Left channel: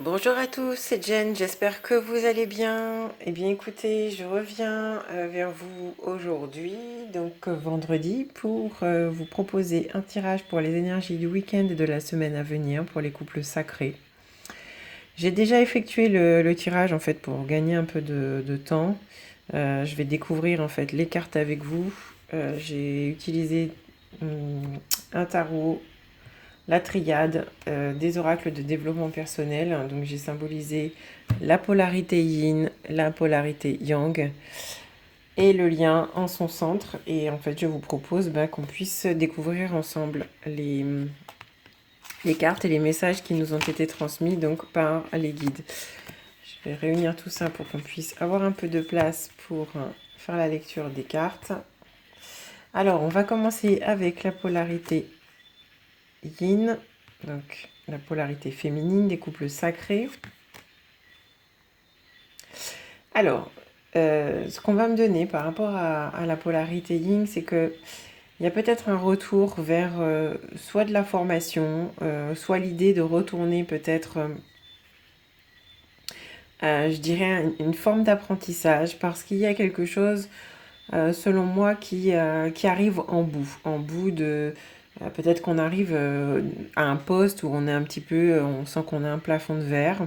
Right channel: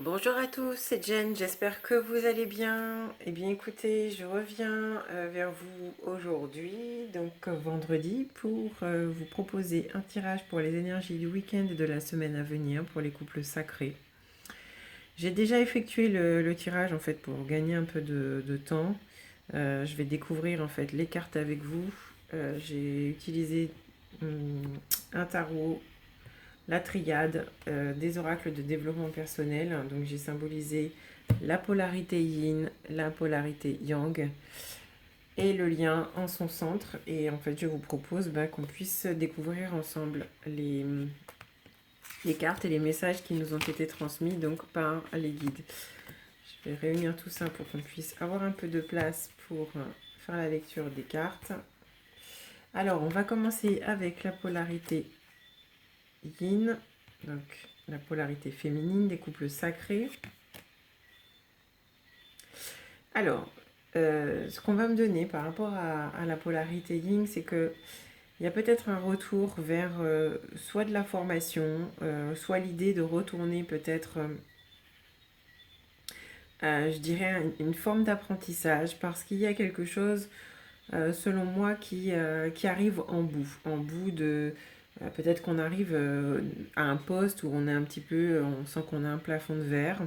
Bonjour à tous, c'est Jen, j'espère que vous allez bien. Eh bien écoutez, je reviens vers vous aujourd'hui, vendredi, pour vous proposer un tirage pour les énergies du week-end et de la semaine à venir pour les couples sacrés. J'ai déjà effectué le tirage en fait pour gagner un peu de temps. Je vais découvrir en fait les cartes avec vous. J'ai utilisé un tarot, la triade des oracles de développement personnel. Donc j'ai symbolisé la polarité yin, la polarité yang et le lien en son centre. Et en fait, je vous propose qu'on puisse découvrir ensemble les cartes et les messages qui nous ont été transmis donc par les guides. Je vais réunir tout ça pour qu'on puisse avoir un peu de place pour faire la lecture des cartes. Alors, on va commencer avec la polarité yin, donc la polarité féminine des couples sacrés. Alors, ce qu'on va me donner par rapport à la polarité yin, c'est que il y a peut-être un retour vers soit de la formation, soit l'idée de retourner peut-être, je dirais, une forme d'apprentissage, parce qu'il y a quelque chose, selon moi, qui arrive en bout de... peut-être qu'on arrive à un poste où on est un petit peu, on sent qu'on a un plafond de verre.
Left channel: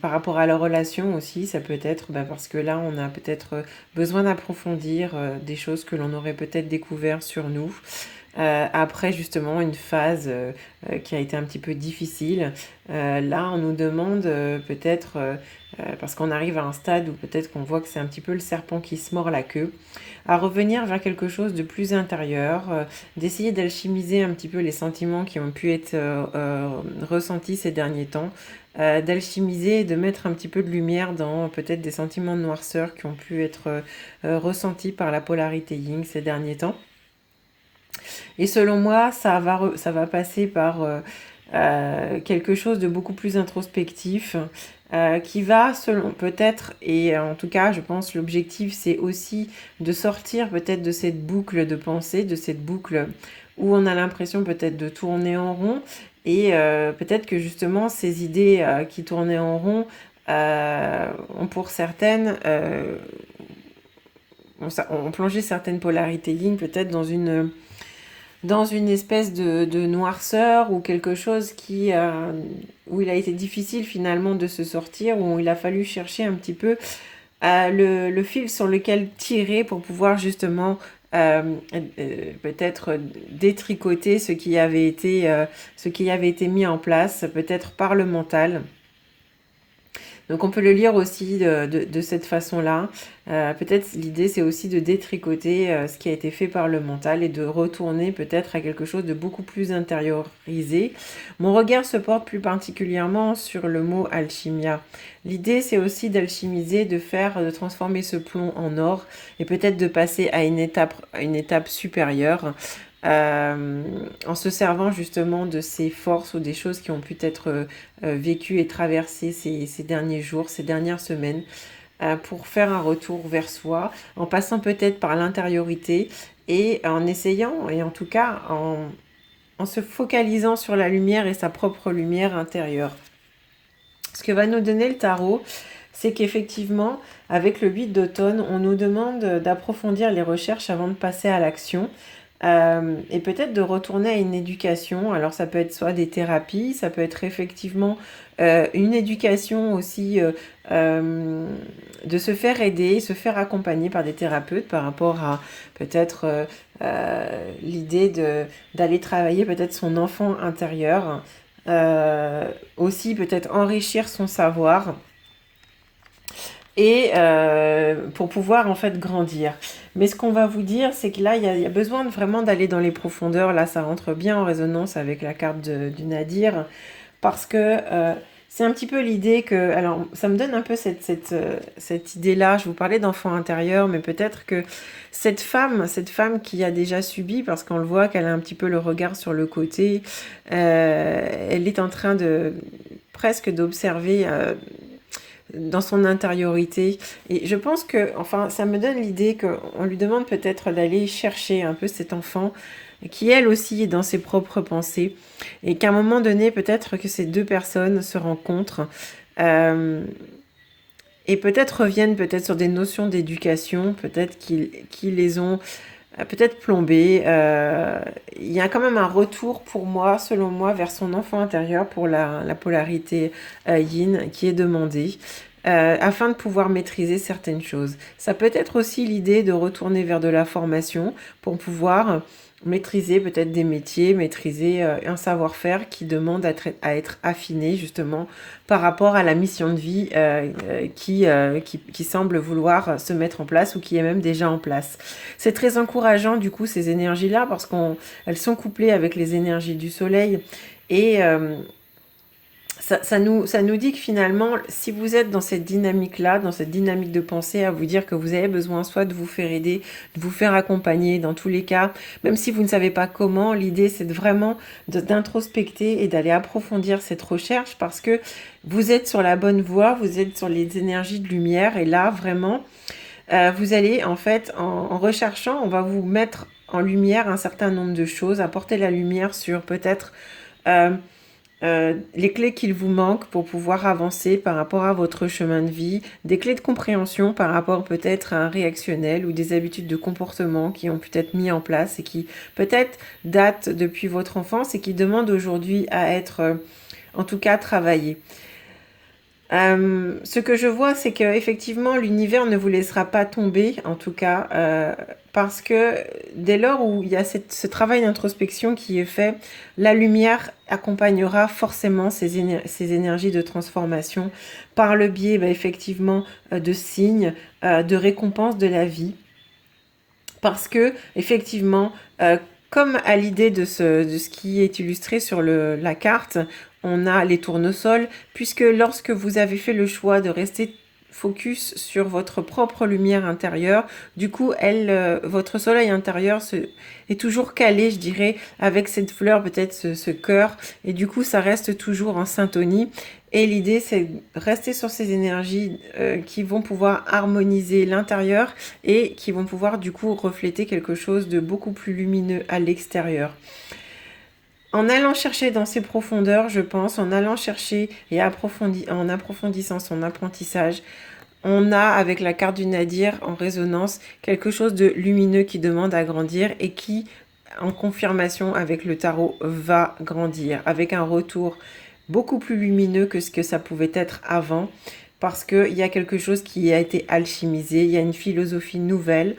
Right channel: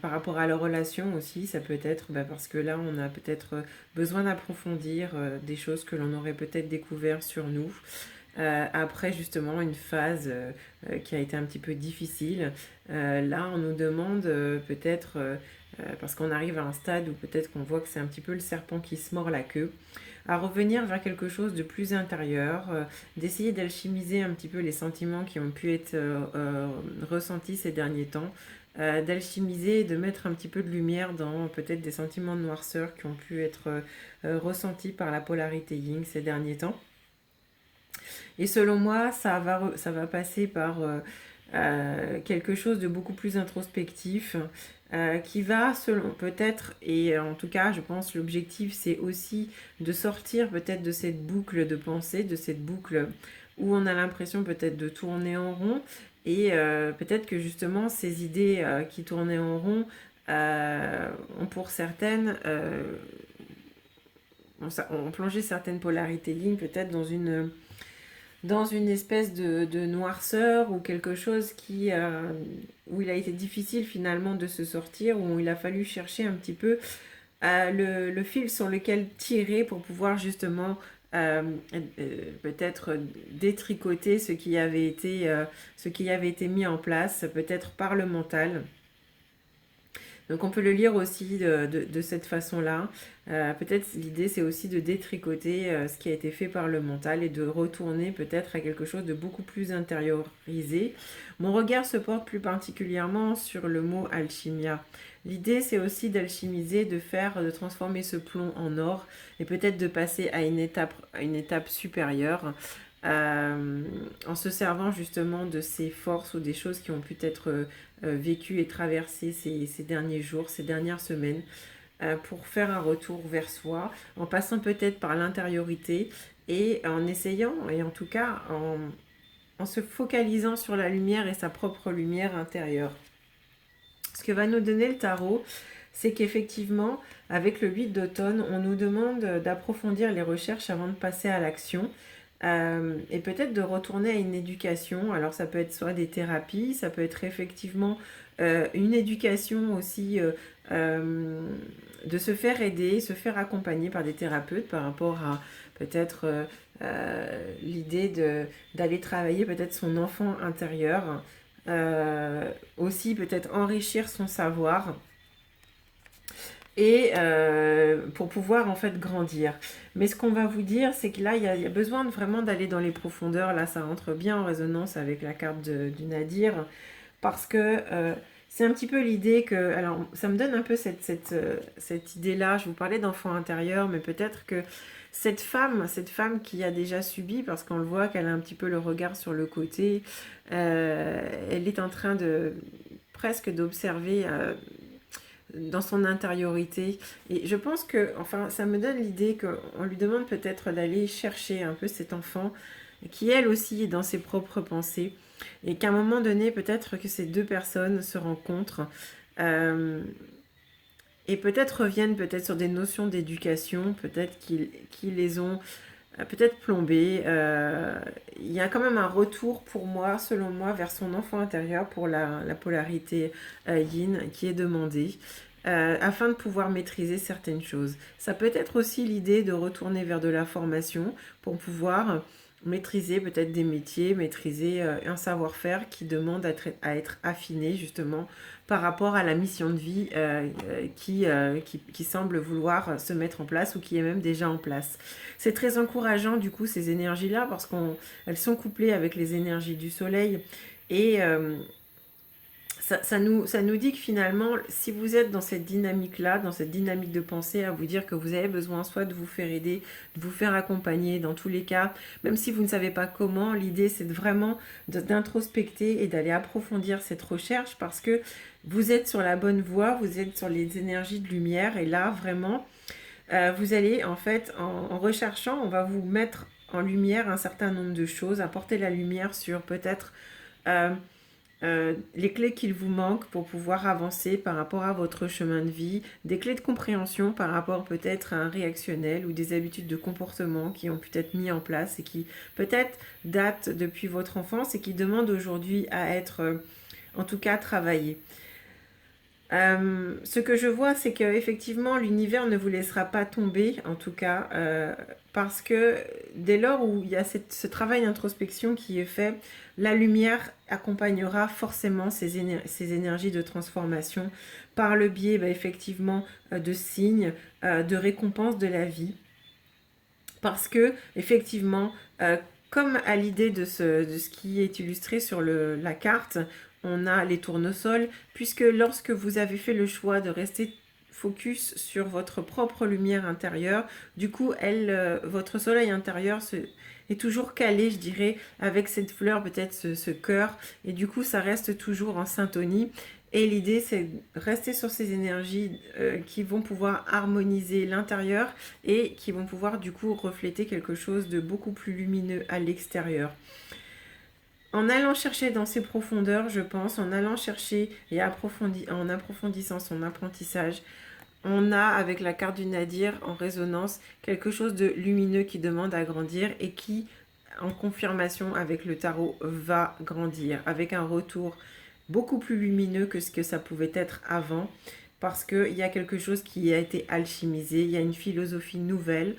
Par rapport à la relation aussi, ça peut être parce que là, on a peut-être besoin d'approfondir des choses que l'on aurait peut-être découvert sur nous. Après justement une phase qui a été un petit peu difficile, là on nous demande peut-être, parce qu'on arrive à un stade où peut-être qu'on voit que c'est un petit peu le serpent qui se mord la queue, à revenir vers quelque chose de plus intérieur, d'essayer d'alchimiser un petit peu les sentiments qui ont pu être ressentis ces derniers temps, d'alchimiser et de mettre un petit peu de lumière dans peut-être des sentiments de noirceur qui ont pu être ressentis par la polarité yin ces derniers temps. Et selon moi, ça va passer par quelque chose de beaucoup plus introspectif, qui va, selon peut-être, et en tout cas, je pense, l'objectif, c'est aussi de sortir peut-être de cette boucle de pensée, de cette boucle où on a l'impression peut-être de tourner en rond, et peut-être que justement, ces idées qui tournaient en rond ont pour certaines... on plongeait certaines polarités yin peut-être dans une espèce de noirceur ou quelque chose où il a été difficile finalement de se sortir, où il a fallu chercher un petit peu le fil sur lequel tirer pour pouvoir justement peut-être détricoter ce qui avait été mis en place, peut-être par le mental. Donc on peut le lire aussi de cette façon-là. Peut-être l'idée c'est aussi de détricoter ce qui a été fait par le mental et de retourner peut-être à quelque chose de beaucoup plus intériorisé. Mon regard se porte plus particulièrement sur le mot alchimia. L'idée c'est aussi d'alchimiser, de transformer ce plomb en or et peut-être de passer à une étape supérieure. En se servant justement de ces forces ou des choses qui ont pu être vécues et traversées ces derniers jours, ces dernières semaines, pour faire un retour vers soi, en passant peut-être par l'intériorité et en essayant, et en tout cas en se focalisant sur la lumière et sa propre lumière intérieure. Ce que va nous donner le tarot, c'est qu'effectivement, avec le 8 d'automne, on nous demande d'approfondir les recherches avant de passer à l'action. Et peut-être de retourner à une éducation. Alors ça peut être soit des thérapies, ça peut être effectivement une éducation aussi, de se faire aider, se faire accompagner par des thérapeutes par rapport à peut-être l'idée d'aller travailler peut-être son enfant intérieur, aussi peut-être enrichir son savoir et pour pouvoir en fait grandir. Mais ce qu'on va vous dire, c'est que là, il y a besoin vraiment d'aller dans les profondeurs. Là, ça rentre bien en résonance avec la carte du Nadir, parce que c'est un petit peu l'idée que... Alors, ça me donne un peu cette idée-là. Je vous parlais d'enfant intérieur, mais peut-être que cette femme qui a déjà subi, parce qu'on le voit qu'elle a un petit peu le regard sur le côté, elle est en train de presque d'observer dans son intériorité. Et je pense que, enfin, ça me donne l'idée qu'on lui demande peut-être d'aller chercher un peu cet enfant, qui elle aussi est dans ses propres pensées, et qu'à un moment donné, peut-être que ces deux personnes se rencontrent, et peut-être reviennent peut-être sur des notions d'éducation, peut-être qu'ils les ont peut-être plombées. Il y a quand même un retour pour moi, selon moi, vers son enfant intérieur pour la polarité yin qui est demandée. Afin de pouvoir maîtriser certaines choses. Ça peut être aussi l'idée de retourner vers de la formation pour pouvoir maîtriser peut-être des métiers, maîtriser un savoir-faire qui demande à être affiné justement par rapport à la mission de vie qui semble vouloir se mettre en place ou qui est même déjà en place. C'est très encourageant du coup ces énergies-là parce qu'elles sont couplées avec les énergies du soleil et ça nous dit que finalement, si vous êtes dans cette dynamique-là, dans cette dynamique de pensée, à vous dire que vous avez besoin soit de vous faire aider, de vous faire accompagner, dans tous les cas, même si vous ne savez pas comment, l'idée c'est vraiment d'introspecter et d'aller approfondir cette recherche parce que vous êtes sur la bonne voie, vous êtes sur les énergies de lumière et là, vraiment, vous allez en fait, en recherchant, on va vous mettre en lumière un certain nombre de choses, apporter la lumière sur peut-être... les clés qu'il vous manque pour pouvoir avancer par rapport à votre chemin de vie, des clés de compréhension par rapport peut-être à un réactionnel ou des habitudes de comportement qui ont peut-être mis en place et qui peut-être datent depuis votre enfance et qui demandent aujourd'hui à être en tout cas travaillées. Ce que je vois, c'est qu'effectivement, l'univers ne vous laissera pas tomber, en tout cas, parce que dès lors où il y a ce travail d'introspection qui est fait, la lumière accompagnera forcément ces énergies de transformation par le biais, effectivement, de signes, de récompenses de la vie. Parce que, effectivement, comme à l'idée de ce qui est illustré sur la carte, on a les tournesols, puisque lorsque vous avez fait le choix de rester focus sur votre propre lumière intérieure, du coup, votre soleil intérieur est toujours calé, je dirais, avec cette fleur, peut-être ce cœur, et du coup, ça reste toujours en syntonie. Et l'idée, c'est de rester sur ces énergies qui vont pouvoir harmoniser l'intérieur et qui vont pouvoir du coup refléter quelque chose de beaucoup plus lumineux à l'extérieur. En allant chercher dans ses profondeurs, je pense, en allant chercher et en approfondissant son apprentissage, on a avec la carte du Nadir en résonance quelque chose de lumineux qui demande à grandir et qui, en confirmation avec le tarot, va grandir avec un retour beaucoup plus lumineux que ce que ça pouvait être avant parce qu'il y a quelque chose qui a été alchimisé, il y a une philosophie nouvelle.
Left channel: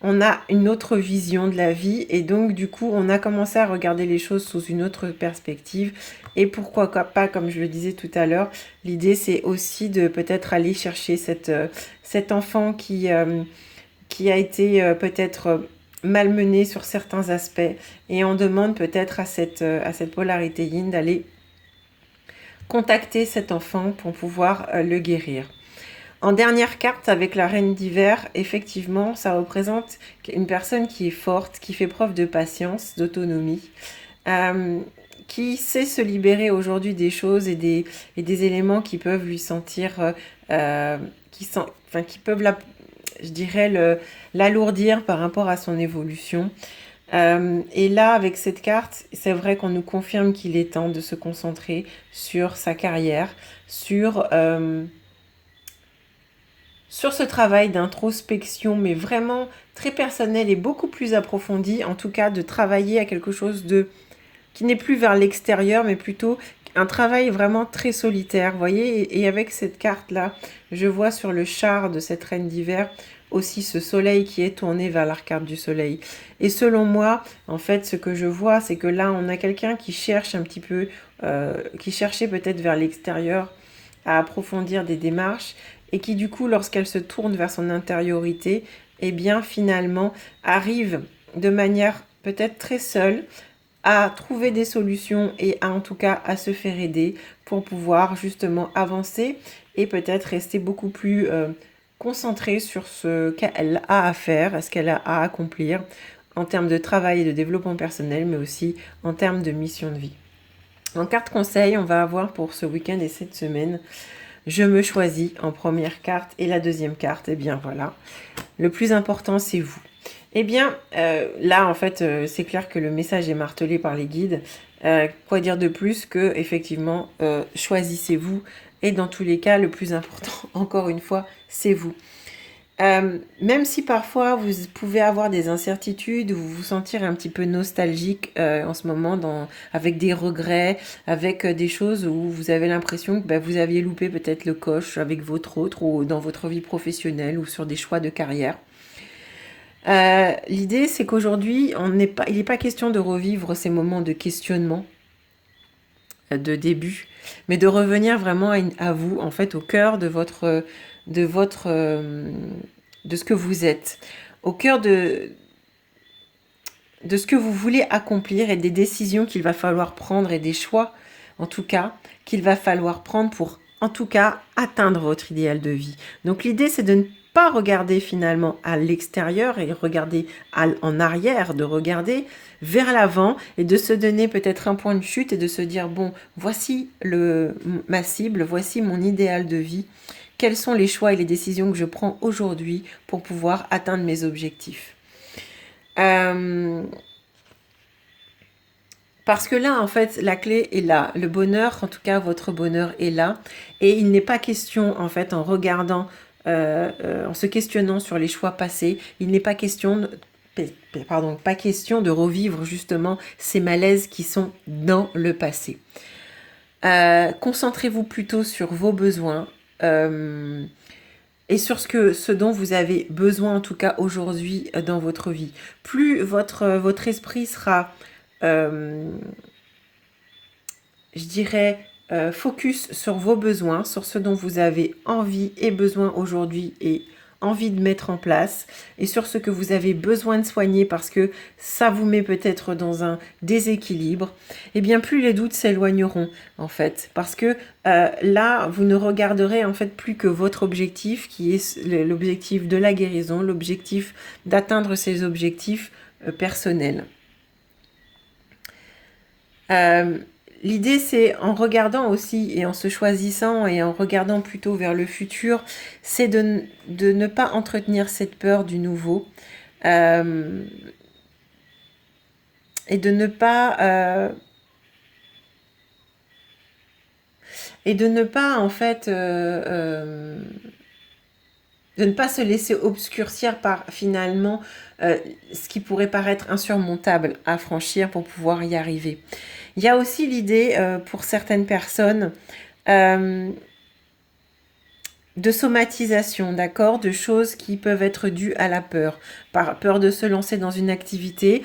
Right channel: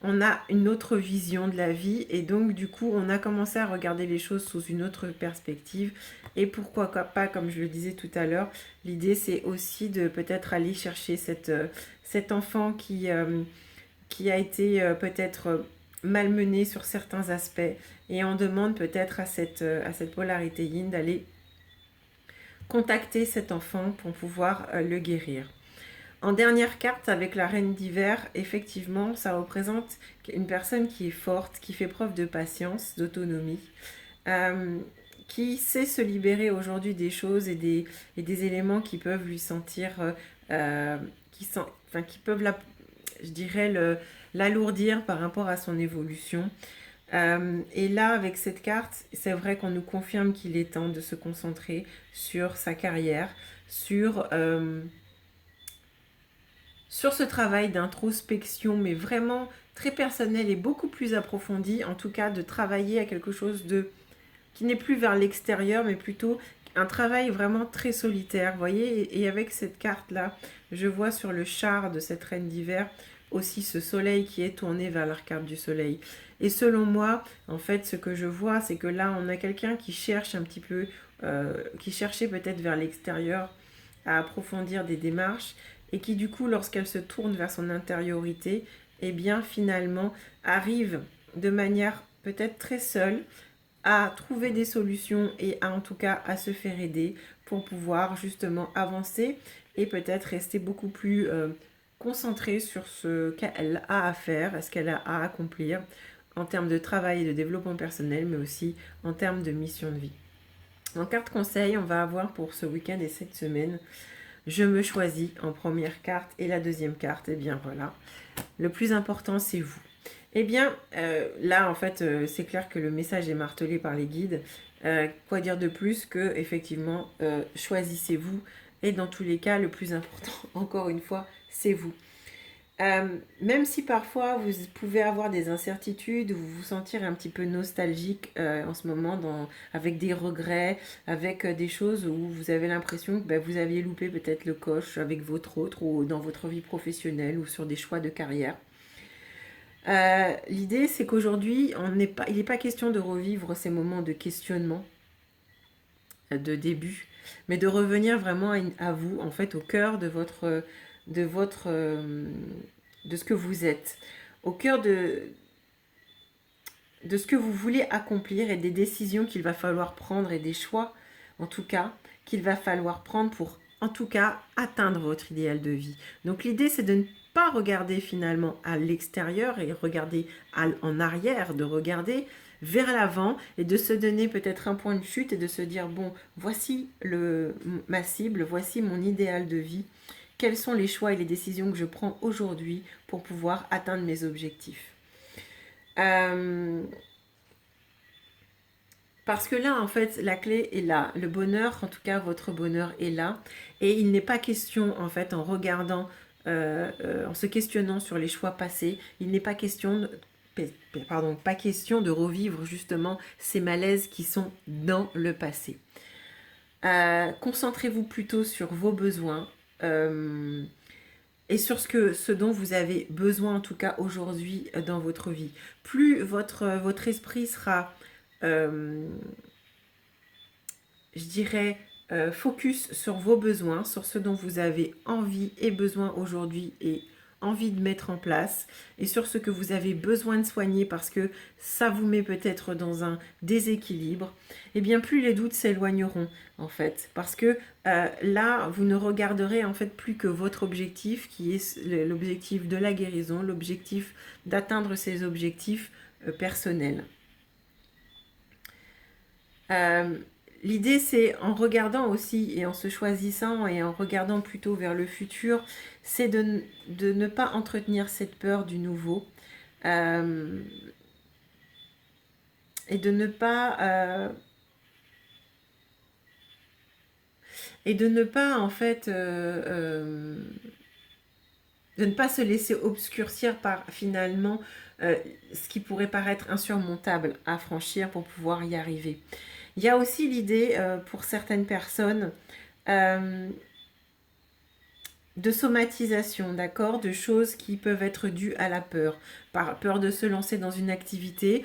On a une autre vision de la vie et donc du coup on a commencé à regarder les choses sous une autre perspective et pourquoi pas, comme je le disais tout à l'heure, l'idée c'est aussi de peut-être aller chercher cet enfant qui a été peut-être malmené sur certains aspects et on demande peut-être à cette polarité yin d'aller contacter cet enfant pour pouvoir le guérir. En dernière carte, avec la reine d'hiver, effectivement, ça représente une personne qui est forte, qui fait preuve de patience, d'autonomie, qui sait se libérer aujourd'hui des choses et des éléments qui peuvent lui sentir, qui peuvent, je dirais, l'alourdir par rapport à son évolution. Et là, avec cette carte, c'est vrai qu'on nous confirme qu'il est temps de se concentrer sur sa carrière, sur ce travail d'introspection, mais vraiment très personnel et beaucoup plus approfondi, en tout cas de travailler à quelque chose qui n'est plus vers l'extérieur, mais plutôt un travail vraiment très solitaire, vous voyez, et avec cette carte-là, je vois sur le char de cette reine d'hiver aussi ce soleil qui est tourné vers l'arcade du soleil. Et selon moi, en fait, ce que je vois, c'est que là, on a quelqu'un qui cherche un petit peu, qui cherchait peut-être vers l'extérieur à approfondir des démarches, et qui du coup, lorsqu'elle se tourne vers son intériorité, eh bien finalement arrive de manière peut-être très seule à trouver des solutions et en tout cas à se faire aider pour pouvoir justement avancer et peut-être rester beaucoup plus concentrée sur ce qu'elle a à faire, ce qu'elle a à accomplir en termes de travail et de développement personnel, mais aussi en termes de mission de vie. En carte conseil, on va avoir pour ce week-end et cette semaine, je me choisis en première carte et la deuxième carte, et bien voilà. Le plus important, c'est vous. Eh bien, là, en fait, c'est clair que le message est martelé par les guides. Quoi dire de plus que, effectivement, choisissez-vous. Et dans tous les cas, le plus important, encore une fois, c'est vous. Même si parfois vous pouvez avoir des incertitudes, vous vous sentir un petit peu nostalgique en ce moment, avec des regrets, avec des choses où vous avez l'impression que vous aviez loupé peut-être le coche avec votre autre ou dans votre vie professionnelle ou sur des choix de carrière. L'idée, c'est qu'aujourd'hui, il n'est pas question de revivre ces moments de questionnement, de début, mais de revenir vraiment à vous, en fait, au cœur de votre, de ce que vous êtes, au cœur de ce que vous voulez accomplir et des décisions qu'il va falloir prendre et des choix, en tout cas, qu'il va falloir prendre pour, en tout cas, atteindre votre idéal de vie. Donc l'idée, c'est de ne pas regarder finalement à l'extérieur et regarder en arrière, de regarder vers l'avant et de se donner peut-être un point de chute et de se dire, bon, voici ma cible, voici mon idéal de vie. Quels sont les choix et les décisions que je prends aujourd'hui pour pouvoir atteindre mes objectifs? Parce que là, en fait, la clé est là. Le bonheur, en tout cas, votre bonheur est là. Et il n'est pas question, en fait, en regardant, en se questionnant sur les choix passés, il n'est pas question, pas question de revivre justement ces malaises qui sont dans le passé. Concentrez-vous plutôt sur vos besoins. Et sur ce dont vous avez besoin, en tout cas aujourd'hui, dans votre vie. Plus votre esprit sera, je dirais, focus sur vos besoins, sur ce dont vous avez envie et besoin aujourd'hui et envie de mettre en place, et sur ce que vous avez besoin de soigner parce que ça vous met peut-être dans un déséquilibre, et bien plus les doutes s'éloigneront en fait, parce que là vous ne regarderez en fait plus que votre objectif qui est l'objectif de la guérison, l'objectif d'atteindre ces objectifs personnels. L'idée, c'est en regardant aussi et en se choisissant et en regardant plutôt vers le futur, c'est de ne pas entretenir cette peur du nouveau et de ne pas en fait de ne pas se laisser obscurcir par finalement ce qui pourrait paraître insurmontable à franchir pour pouvoir y arriver. Il y a aussi l'idée pour certaines personnes de somatisation, d'accord, de choses qui peuvent être dues à la peur. Peur de se lancer dans une activité,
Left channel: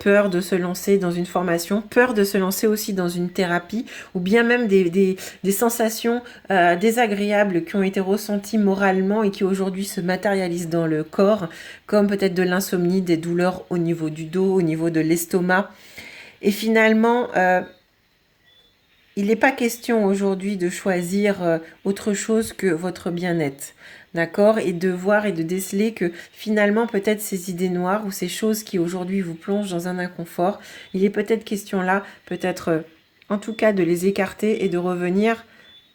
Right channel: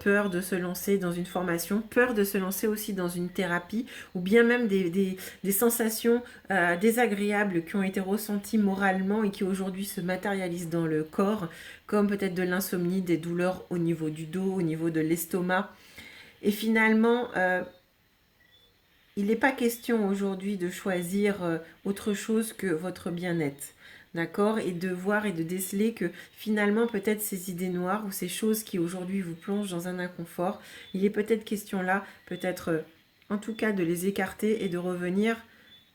peur de se lancer dans une formation, peur de se lancer aussi dans une thérapie, ou bien même des sensations désagréables qui ont été ressenties moralement et qui aujourd'hui se matérialisent dans le corps, comme peut-être de l'insomnie, des douleurs au niveau du dos, au niveau de l'estomac. Et finalement, il n'est pas question aujourd'hui de choisir autre chose que votre bien-être, d'accord? Et de voir et de déceler que finalement, peut-être ces idées noires ou ces choses qui aujourd'hui vous plongent dans un inconfort, il est peut-être question là, peut-être en tout cas de les écarter et de revenir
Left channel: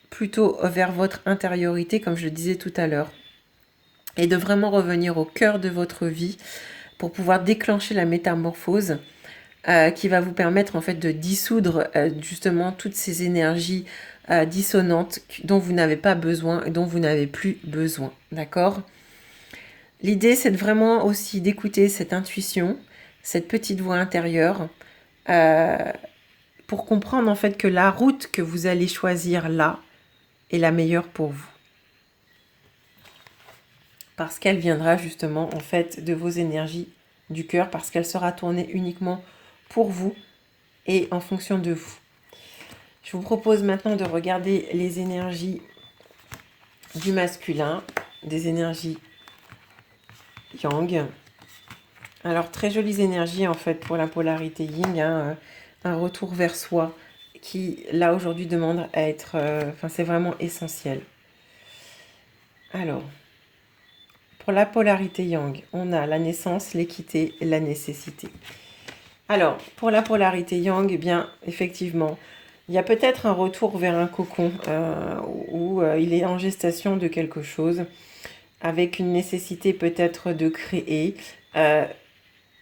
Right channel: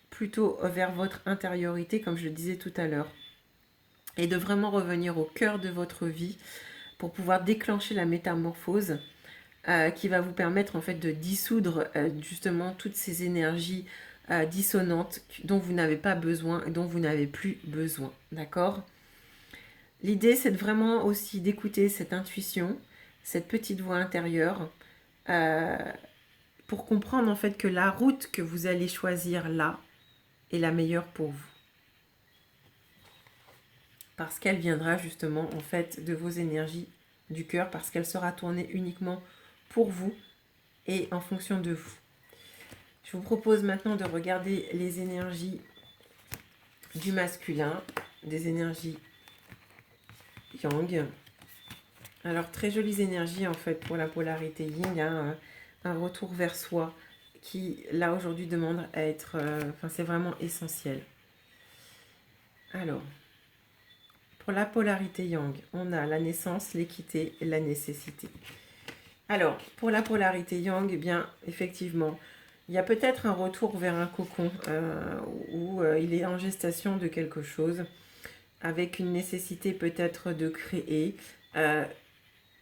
plutôt vers votre intériorité, comme je le disais tout à l'heure. Et de vraiment revenir au cœur de votre vie pour pouvoir déclencher la métamorphose qui va vous permettre en fait de dissoudre justement toutes ces énergies dissonantes dont vous n'avez pas besoin et dont vous n'avez plus besoin, d'accord? L'idée, c'est vraiment aussi d'écouter cette intuition, cette petite voix intérieure, pour comprendre en fait que la route que vous allez choisir là est la meilleure pour vous. Parce qu'elle viendra justement en fait de vos énergies du cœur, parce qu'elle sera tournée uniquement pour vous et en fonction de vous. Je vous propose maintenant de regarder les énergies du masculin, des énergies yang. Alors, très jolies énergies en fait pour la polarité yin, hein, un retour vers soi qui, là, aujourd'hui, demande à être... c'est vraiment essentiel. Alors, pour la polarité yang, on a la naissance, l'équité et la nécessité. Alors, pour la polarité yang, eh bien, effectivement, il y a peut-être un retour vers un cocon où il est en gestation de quelque chose, avec une nécessité peut-être de créer.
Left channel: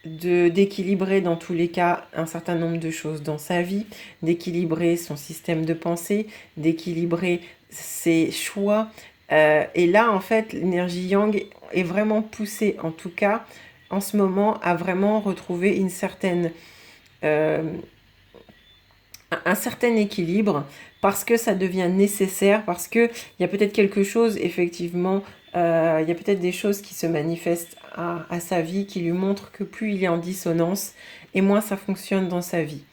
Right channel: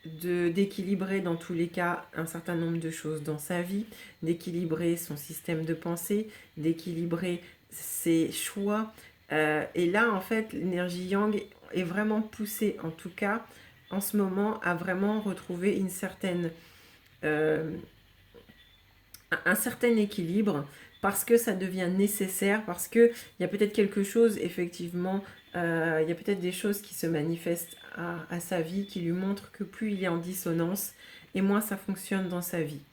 d'équilibrer dans tous les cas un certain nombre de choses dans sa vie, d'équilibrer son système de pensée, d'équilibrer ses choix. Et là, en fait, l'énergie yang est vraiment poussée, en tout cas, en ce moment, à vraiment retrouver euh, un certain équilibre parce que ça devient nécessaire, parce qu'il y a peut-être quelque chose, effectivement, il y a peut-être des choses qui se manifestent à sa vie, qui lui montrent que plus il est en dissonance, et moins ça fonctionne dans sa vie.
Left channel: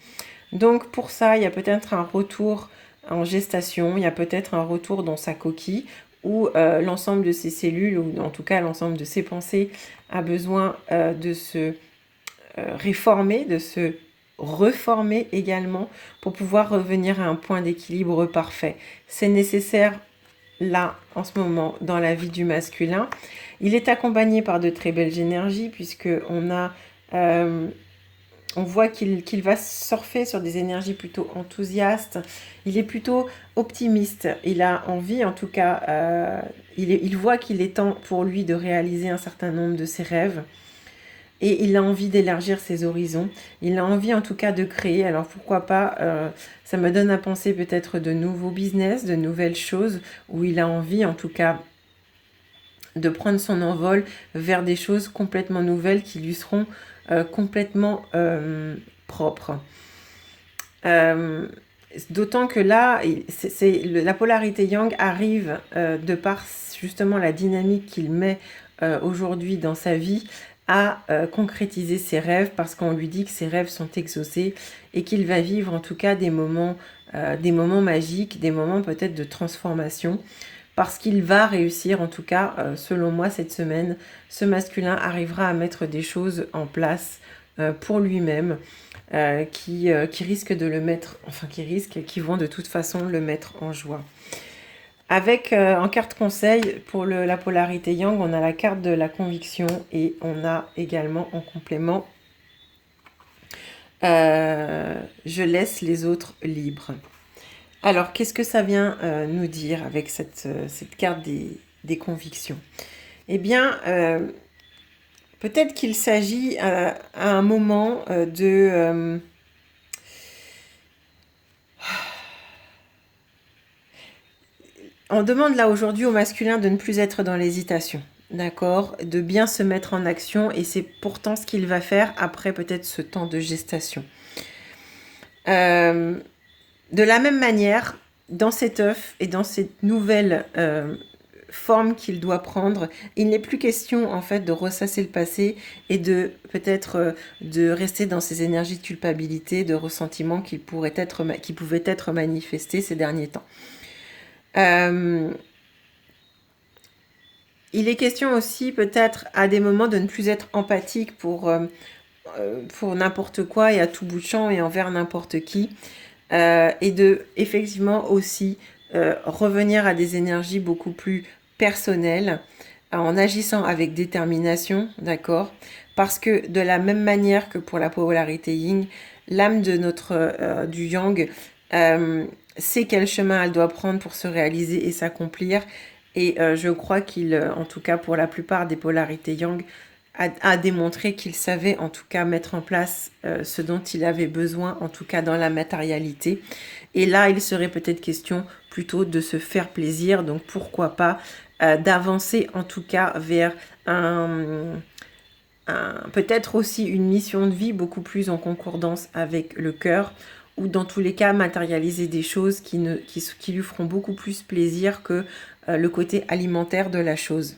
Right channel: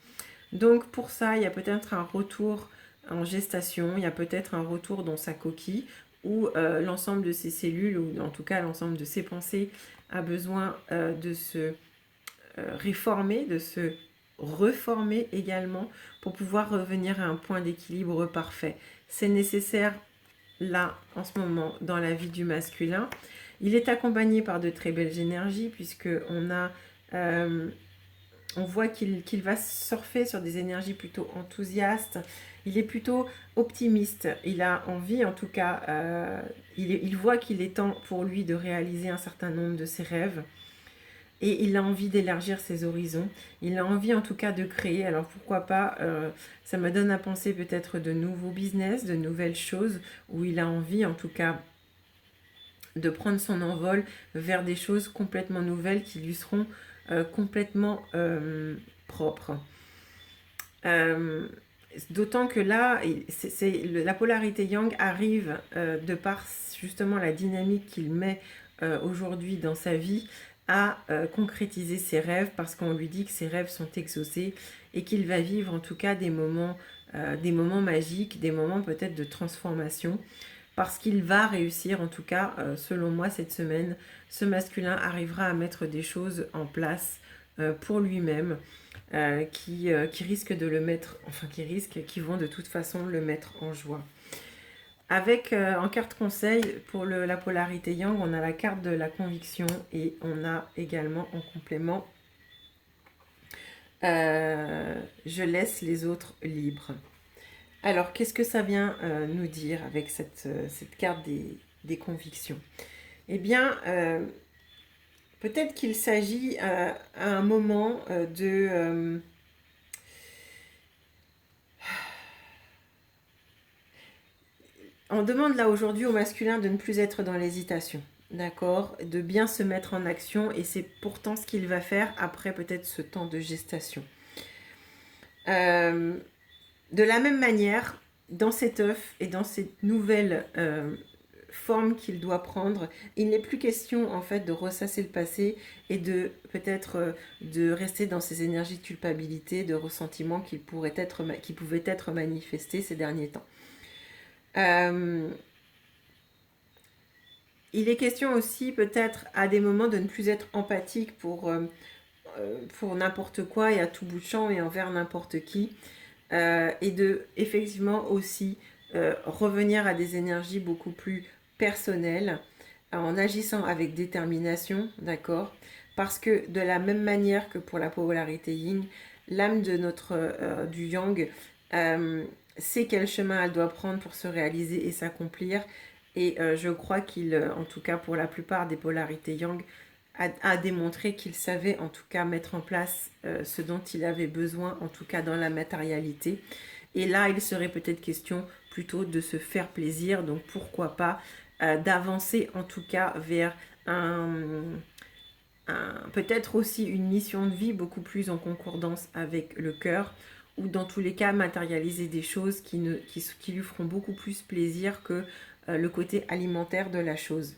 Donc pour ça, il y a peut-être un retour en gestation, il y a peut-être un retour dans sa coquille, où l'ensemble de ses cellules, ou en tout cas l'ensemble de ses pensées, a besoin de se réformer, de se reformer également pour pouvoir revenir à un point d'équilibre parfait. C'est nécessaire là, en ce moment, dans la vie du masculin. Il est accompagné par de très belles énergies puisque on voit qu'il va surfer sur des énergies plutôt enthousiastes. Il est plutôt optimiste. Il a envie, en tout cas, il voit qu'il est temps pour lui de réaliser un certain nombre de ses rêves. Et il a envie d'élargir ses horizons. Il a envie en tout cas de créer. Alors pourquoi pas, ça me donne à penser peut-être de nouveaux business, de nouvelles choses, où il a envie en tout cas de prendre son envol vers des choses complètement nouvelles qui lui seront complètement propres. D'autant que là, la polarité yang arrive de par justement la dynamique qu'il met aujourd'hui dans sa vie à concrétiser ses rêves parce qu'on lui dit que ses rêves sont exaucés et qu'il va vivre en tout cas des moments magiques, des moments peut-être de transformation parce qu'il va réussir en tout cas, selon moi cette semaine, ce masculin arrivera à mettre des choses en place pour lui-même qui risquent de le mettre, enfin qui vont de toute façon le mettre en joie. Avec en carte conseil pour la polarité yang, on a la carte de la conviction et on a également en complément je laisse les autres libres. Alors, qu'est-ce que ça vient nous dire avec cette carte des convictions? Eh bien, peut-être qu'il s'agit à un moment On demande là aujourd'hui au masculin de ne plus être dans l'hésitation, d'accord? De bien se mettre en action et c'est pourtant ce qu'il va faire après peut-être ce temps de gestation. De la même manière, dans cet œuf et dans cette nouvelle forme qu'il doit prendre, il n'est plus question en fait de ressasser le passé et de peut-être de rester dans ces énergies de culpabilité, de ressentiment qui pouvaient être manifestés ces derniers temps. Il est question aussi peut-être à des moments de ne plus être empathique pour n'importe quoi et à tout bout de champ et envers n'importe qui. Et de effectivement aussi revenir à des énergies beaucoup plus personnelles en agissant avec détermination, d'accord? Parce que de la même manière que pour la polarité yin, l'âme de du yang sait quel chemin elle doit prendre pour se réaliser et s'accomplir. Et je crois qu'il, en tout cas pour la plupart des polarités yang, a démontré qu'il savait en tout cas mettre en place ce dont il avait besoin, en tout cas dans la matérialité. Et là, il serait peut-être question plutôt de se faire plaisir, donc pourquoi pas d'avancer en tout cas vers peut-être aussi une mission de vie beaucoup plus en concordance avec le cœur, ou dans tous les cas matérialiser des choses qui lui feront beaucoup plus plaisir que le côté alimentaire de la chose.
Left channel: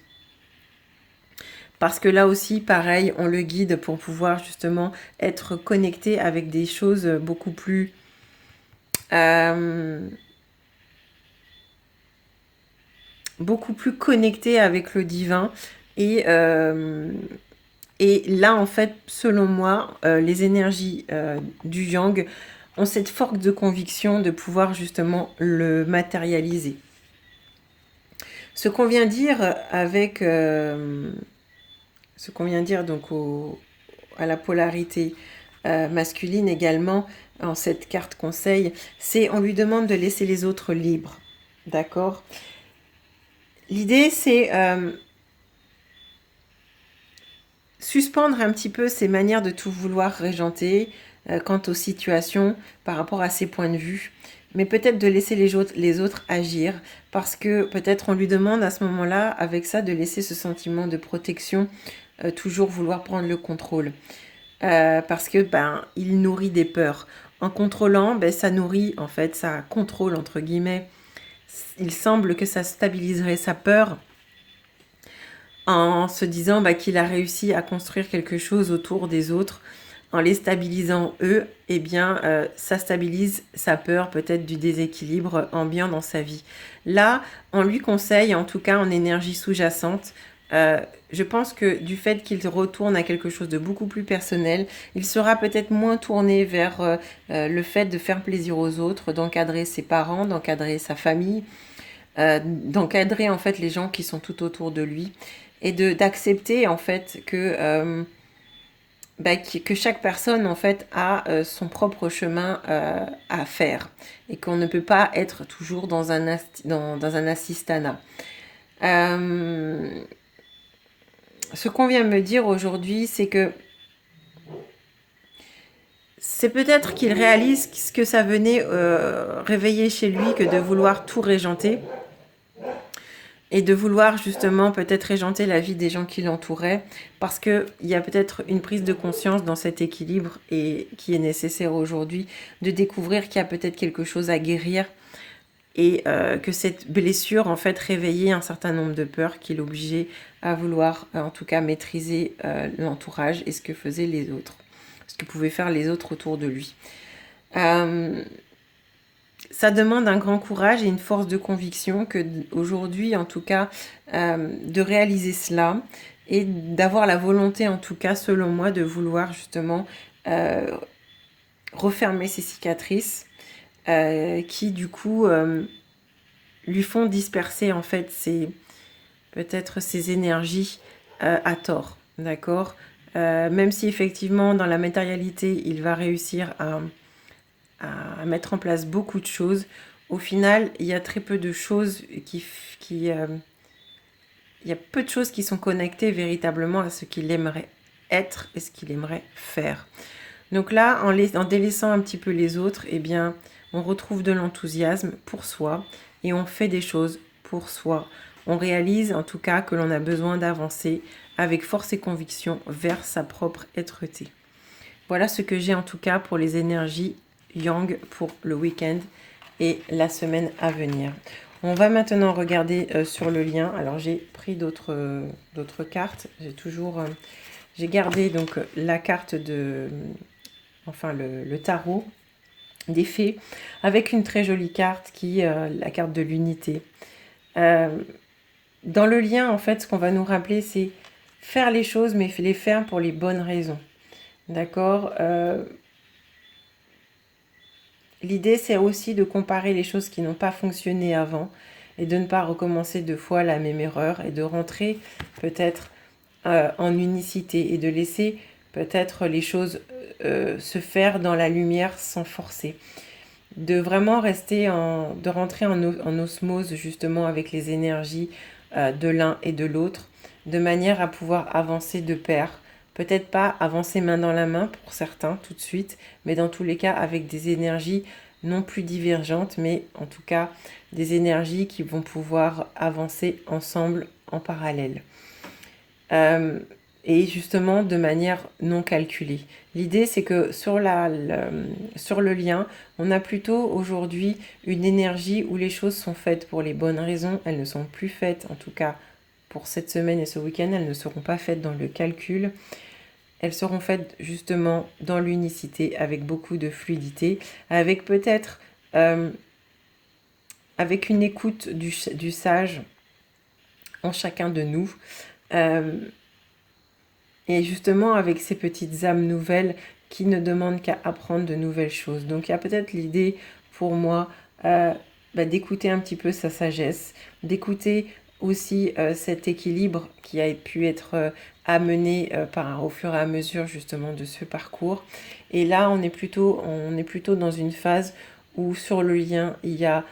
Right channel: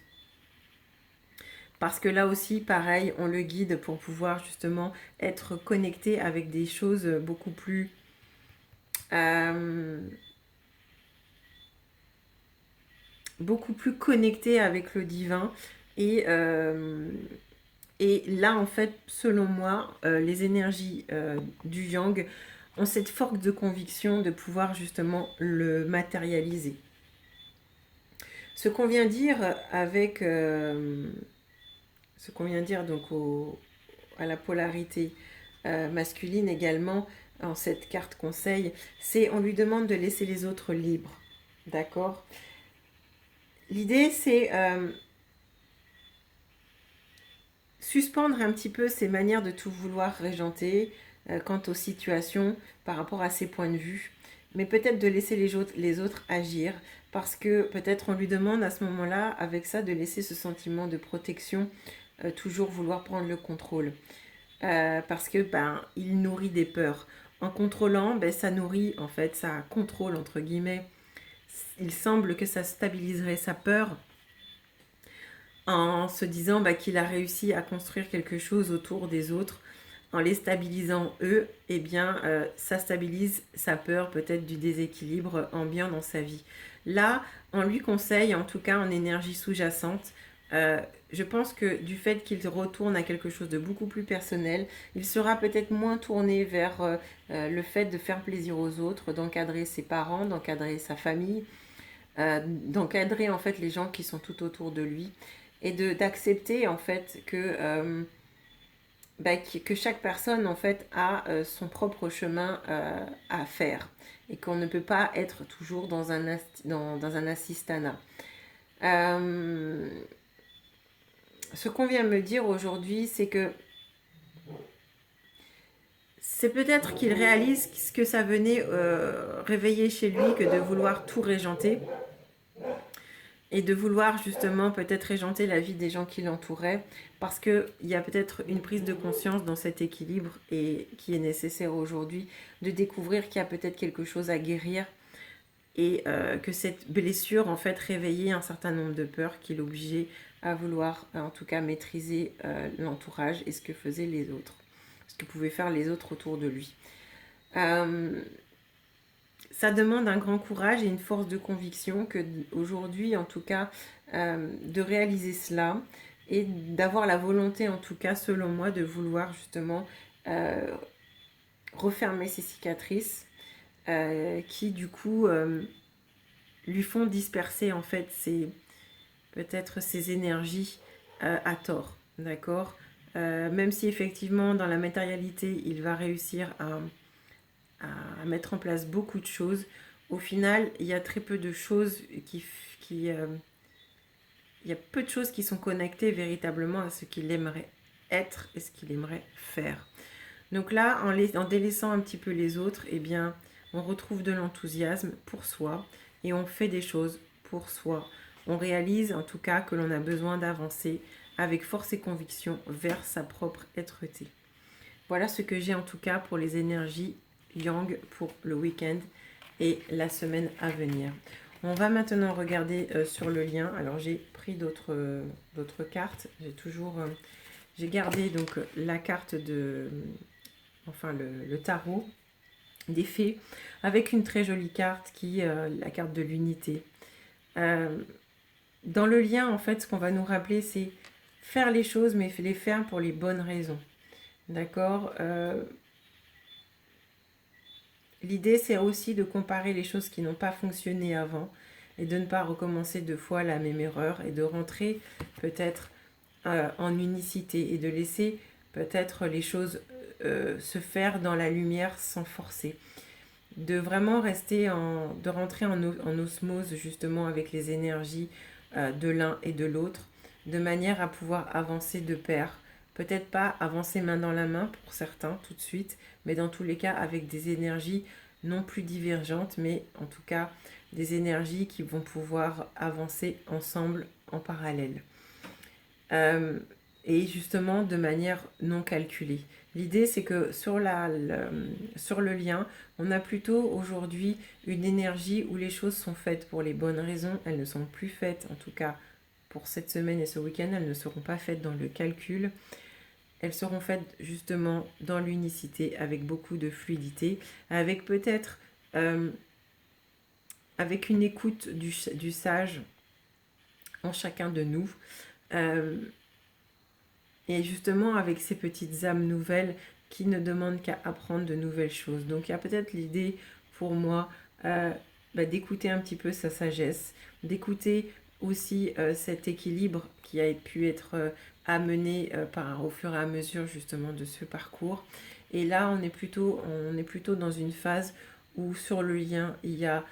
Parce que là aussi, pareil, on le guide pour pouvoir justement être connecté avec des choses beaucoup plus connectées avec le divin. Et là, en fait, selon moi, les énergies du yang ont cette force de conviction de pouvoir justement le matérialiser. Ce qu'on vient dire avec... ce qu'on vient dire donc à la polarité masculine également, en cette carte conseil, c'est on lui demande de laisser les autres libres. D'accord? L'idée, c'est suspendre un petit peu ses manières de tout vouloir régenter quant aux situations par rapport à ses points de vue, mais peut-être de laisser les autres agir, parce que peut-être on lui demande à ce moment-là, avec ça, de laisser ce sentiment de protection, toujours vouloir prendre le contrôle. Parce que il nourrit des peurs. En contrôlant, ça nourrit, en fait, ça contrôle, entre guillemets. Il semble que ça stabiliserait sa peur en se disant qu'il a réussi à construire quelque chose autour des autres. En les stabilisant eux, eh bien, ça stabilise sa peur peut-être du déséquilibre ambiant dans sa vie. Là, on lui conseille, en tout cas en énergie sous-jacente, je pense que du fait qu'il retourne à quelque chose de beaucoup plus personnel, il sera peut-être moins tourné vers le fait de faire plaisir aux autres, d'encadrer ses parents, d'encadrer sa famille, d'encadrer en fait les gens qui sont tout autour de lui et d'accepter en fait que chaque personne en fait a son propre chemin à faire et qu'on ne peut pas être toujours dans un assistanat. Ce qu'on vient me dire aujourd'hui, c'est que c'est peut-être qu'il réalise ce que ça venait réveiller chez lui que de vouloir tout régenter et de vouloir justement peut-être régenter la vie des gens qui l'entouraient, parce qu'il y a peut-être une prise de conscience dans cet équilibre et qui est nécessaire aujourd'hui, de découvrir qu'il y a peut-être quelque chose à guérir et que cette blessure en fait réveillait un certain nombre de peurs qui l'obligeait à vouloir en tout cas maîtriser l'entourage et ce que faisaient les autres, ce que pouvaient faire les autres autour de lui. Ça demande un grand courage et une force de conviction que aujourd'hui, en tout cas, de réaliser cela et d'avoir la volonté, en tout cas, selon moi, de vouloir justement refermer ces cicatrices qui, du coup, lui font disperser, en fait, peut-être ses énergies à tort, d'accord. Même si, effectivement, dans la matérialité, il va réussir à mettre en place beaucoup de choses. Au final, il y a très peu de choses il y a peu de choses qui sont connectées véritablement à ce qu'il aimerait être et ce qu'il aimerait faire. Donc là, en délaissant un petit peu les autres, eh bien, on retrouve de l'enthousiasme pour soi et on fait des choses pour soi. On réalise en tout cas que l'on a besoin d'avancer avec force et conviction vers sa propre être-té. Voilà ce que j'ai en tout cas pour les énergies Yang pour le week-end et la semaine à venir. On va maintenant regarder sur le lien. Alors j'ai pris d'autres cartes. J'ai gardé donc la carte le tarot des fées avec une très jolie carte qui est la carte de l'unité. Dans le lien, en fait, ce qu'on va nous rappeler, c'est faire les choses, mais les faire pour les bonnes raisons. D'accord. L'idée, c'est aussi de comparer les choses qui n'ont pas fonctionné avant et de ne pas recommencer 2 fois la même erreur et de rentrer peut-être en unicité et de laisser peut-être les choses se faire dans la lumière sans forcer. De vraiment de rentrer en osmose justement avec les énergies de l'un et de l'autre, de manière à pouvoir avancer de pair. Peut-être pas avancer main dans la main pour certains tout de suite, mais dans tous les cas avec des énergies non plus divergentes, mais en tout cas des énergies qui vont pouvoir avancer ensemble en parallèle. Et justement de manière non calculée. L'idée, c'est que sur le lien, on a plutôt aujourd'hui une énergie où les choses sont faites pour les bonnes raisons. Elles ne sont plus faites, en tout cas pour cette semaine et ce week-end, elles ne seront pas faites dans le calcul. Elles seront faites justement dans l'unicité, avec beaucoup de fluidité, avec peut-être avec une écoute du sage en chacun de nous. Et justement avec ces petites âmes nouvelles qui ne demandent qu'à apprendre de nouvelles choses. Donc il y a peut-être l'idée pour moi d'écouter un petit peu sa sagesse, d'écouter aussi cet équilibre qui a pu être amené au fur et à mesure justement de ce parcours. Et là on est plutôt dans une phase où sur le lien il y a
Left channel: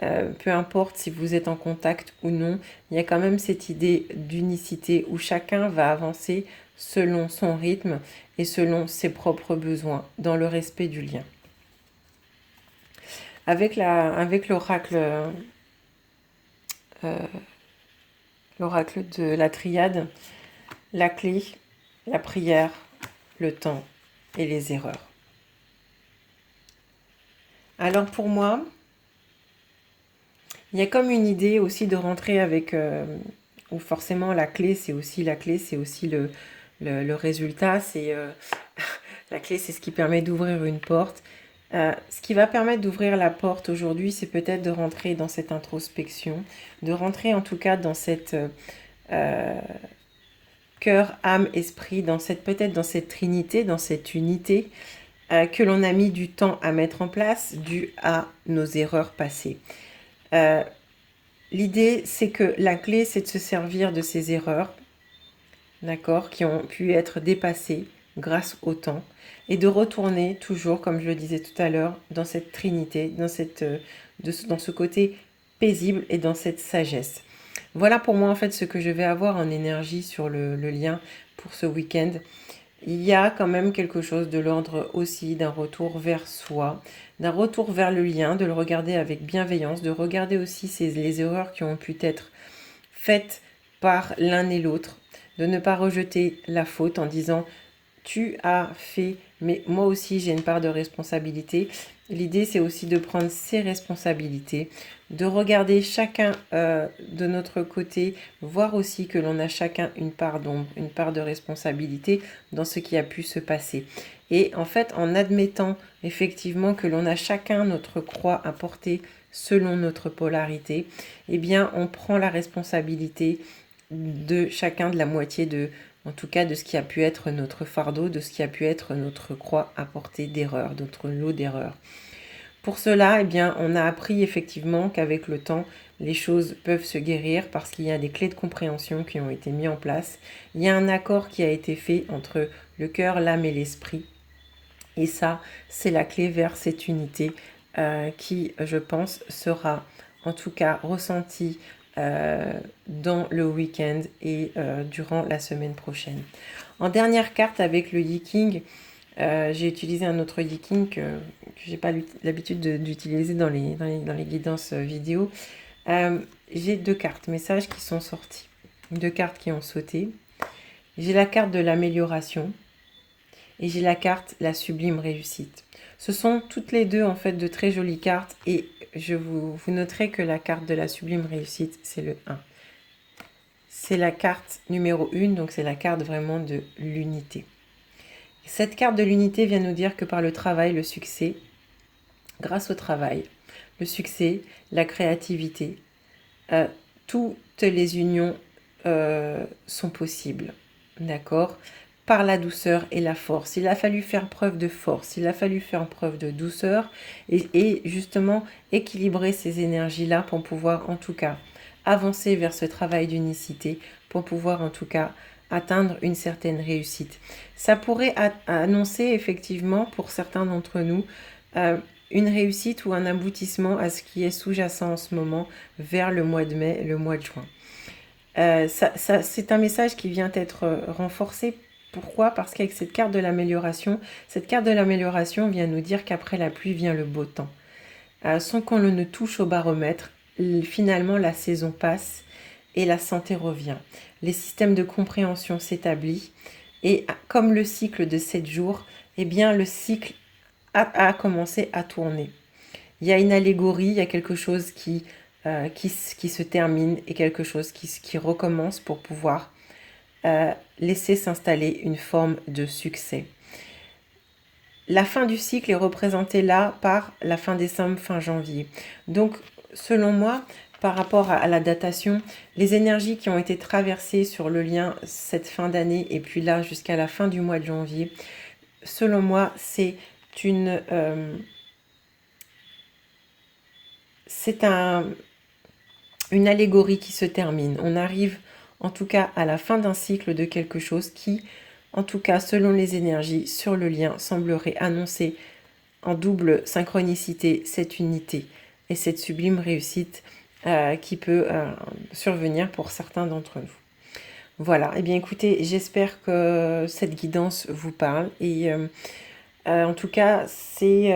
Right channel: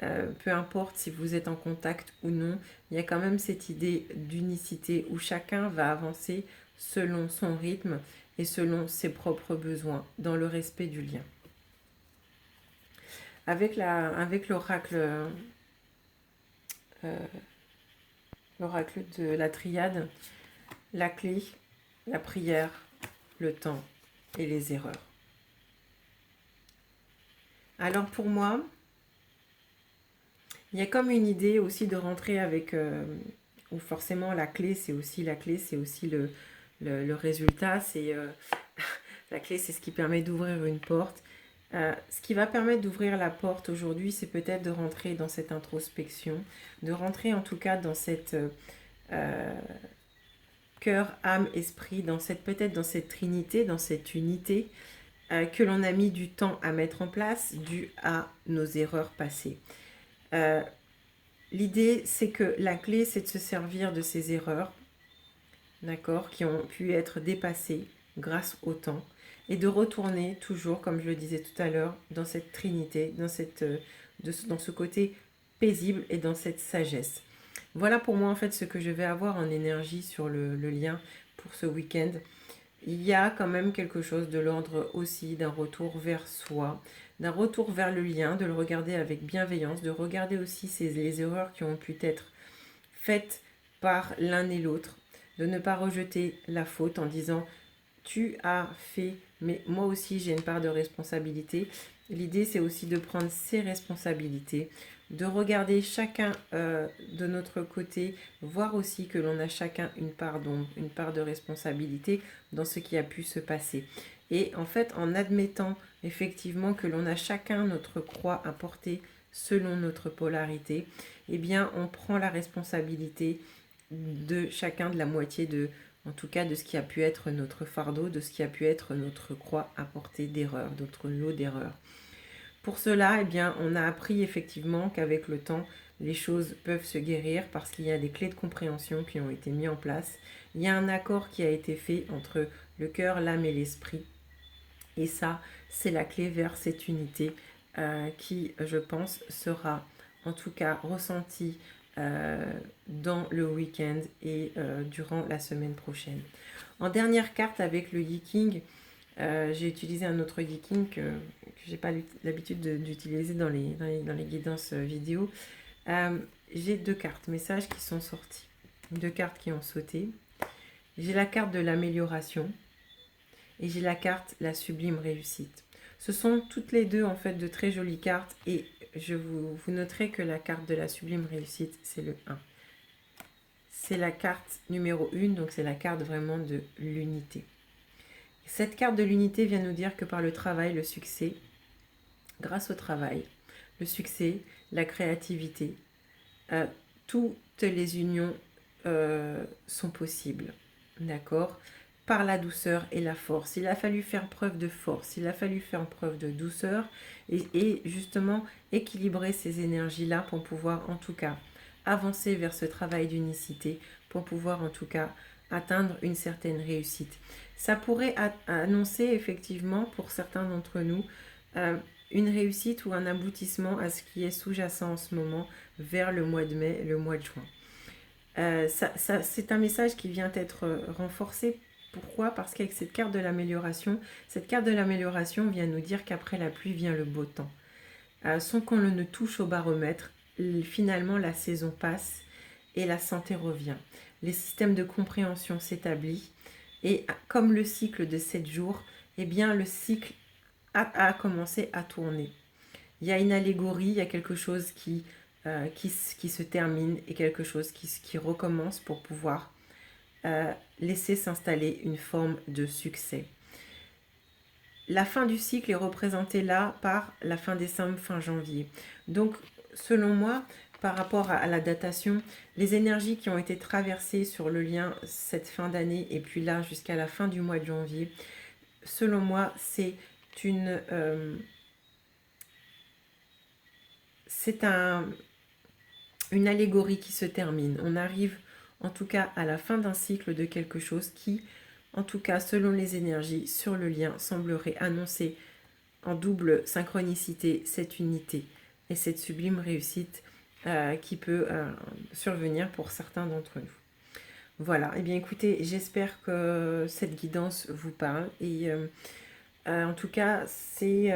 peu importe si vous êtes en contact ou non, il y a quand même cette idée d'unicité où chacun va avancer selon son rythme et selon ses propres besoins, dans le respect du lien. Avec l'oracle de la triade, la clé, la prière, le temps et les erreurs. Alors pour moi, il y a comme une idée aussi de rentrer avec, ou forcément la clé, c'est aussi le résultat, la clé, c'est ce qui permet d'ouvrir une porte. Ce qui va permettre d'ouvrir la porte aujourd'hui, c'est peut-être de rentrer dans cette introspection, de rentrer en tout cas dans cette cœur, âme, esprit, peut-être dans cette trinité, dans cette unité que l'on a mis du temps à mettre en place dû à nos erreurs passées. L'idée, c'est que la clé, c'est de se servir de ces erreurs, d'accord, qui ont pu être dépassées grâce au temps, et de retourner toujours, comme je le disais tout à l'heure, dans cette trinité, dans ce côté paisible et dans cette sagesse. Voilà pour moi en fait ce que je vais avoir en énergie sur le lien pour ce week-end. Il y a quand même quelque chose de l'ordre aussi d'un retour vers soi, d'un retour vers le lien, de le regarder avec bienveillance, de regarder aussi les erreurs qui ont pu être faites par l'un et l'autre, de ne pas rejeter la faute en disant tu as fait, mais moi aussi j'ai une part de responsabilité. L'idée c'est aussi de prendre ses responsabilités, de regarder chacun de notre côté, voir aussi que l'on a chacun une part d'ombre, une part de responsabilité dans ce qui a pu se passer. Et en fait, en admettant effectivement que l'on a chacun notre croix à porter selon notre polarité, eh bien on prend la responsabilité de chacun de la moitié en tout cas de ce qui a pu être notre fardeau, de ce qui a pu être notre croix à porter d'erreurs, notre lot d'erreurs. Pour cela, eh bien, on a appris effectivement qu'avec le temps, les choses peuvent se guérir parce qu'il y a des clés de compréhension qui ont été mises en place. Il y a un accord qui a été fait entre le cœur, l'âme et l'esprit. Et ça, c'est la clé vers cette unité qui, je pense, sera en tout cas ressentie dans le week-end et durant la semaine prochaine. En dernière carte avec le Yi-King, j'ai utilisé un autre Yi-King que je n'ai pas l'habitude d'utiliser dans les guidances vidéo. J'ai deux cartes messages qui sont sortis, deux cartes qui ont sauté. J'ai la carte de l'amélioration et j'ai la carte la sublime réussite. Ce sont toutes les deux en fait de très jolies cartes et vous noterez que la carte de la sublime réussite, c'est le 1. C'est la carte numéro 1, donc c'est la carte vraiment de l'unité. Cette carte de l'unité vient nous dire que par le travail, le succès, grâce au travail, le succès, la créativité, toutes les unions sont possibles. D'accord ? Par la douceur et la force. Il a fallu faire preuve de force, il a fallu faire preuve de douceur et justement équilibrer ces énergies-là pour pouvoir en tout cas avancer vers ce travail d'unicité, pour pouvoir en tout cas atteindre une certaine réussite. Ça pourrait annoncer effectivement pour certains d'entre nous une réussite ou un aboutissement à ce qui est sous-jacent en ce moment vers le mois de mai, le mois de juin. C'est un message qui vient être renforcé. Pourquoi ? Parce qu'avec cette carte de l'amélioration vient nous dire qu'après la pluie vient le beau temps. Sans qu'on ne touche au baromètre, finalement la saison passe et la santé revient. Les systèmes de compréhension s'établissent et comme le cycle de 7 jours, eh bien le cycle a commencé à tourner. Il y a une allégorie, il y a quelque chose qui se termine et quelque chose qui recommence pour pouvoir laisser s'installer une forme de succès. La fin du cycle est représentée là par la fin décembre, fin janvier. Donc, selon moi, par rapport à la datation, les énergies qui ont été traversées sur le lien cette fin d'année et puis là jusqu'à la fin du mois de janvier, selon moi, c'est une allégorie qui se termine. On arrive en tout cas à la fin d'un cycle de quelque chose qui, en tout cas selon les énergies sur le lien, semblerait annoncer en double synchronicité cette unité et cette sublime réussite qui peut survenir pour certains d'entre nous. Voilà, eh bien écoutez, j'espère que cette guidance vous parle et en tout cas, c'est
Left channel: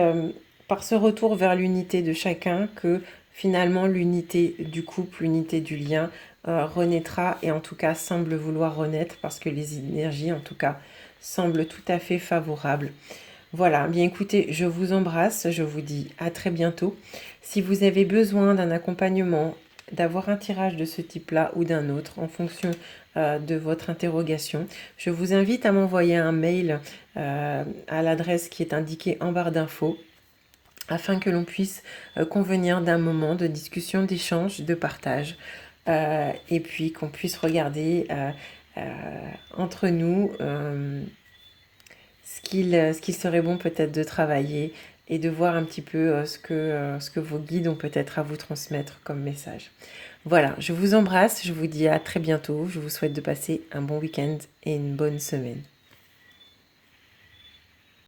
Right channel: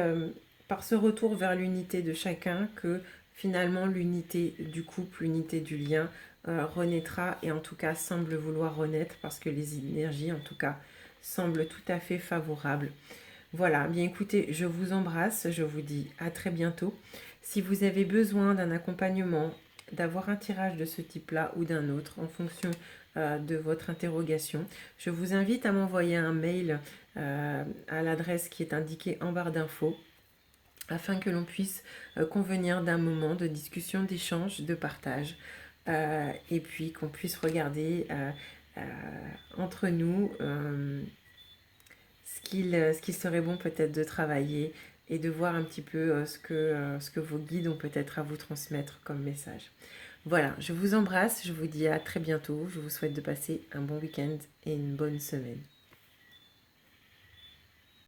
par ce retour vers l'unité de chacun que finalement l'unité du couple, l'unité du lien renaîtra et en tout cas semble vouloir renaître parce que les énergies en tout cas semblent tout à fait favorables. Voilà, bien écoutez, je vous embrasse, je vous dis à très bientôt. Si vous avez besoin d'un accompagnement, d'avoir un tirage de ce type-là ou d'un autre en fonction de votre interrogation, je vous invite à m'envoyer un mail à l'adresse qui est indiquée en barre d'infos afin que l'on puisse convenir d'un moment de discussion, d'échange, de partage et puis qu'on puisse regarder euh, entre nous ce qu'il serait bon peut-être de travailler et de voir un petit peu ce que vos guides ont peut-être à vous transmettre comme message. Voilà, je vous embrasse, je vous dis à très bientôt, je vous souhaite de passer un bon week-end et une bonne semaine.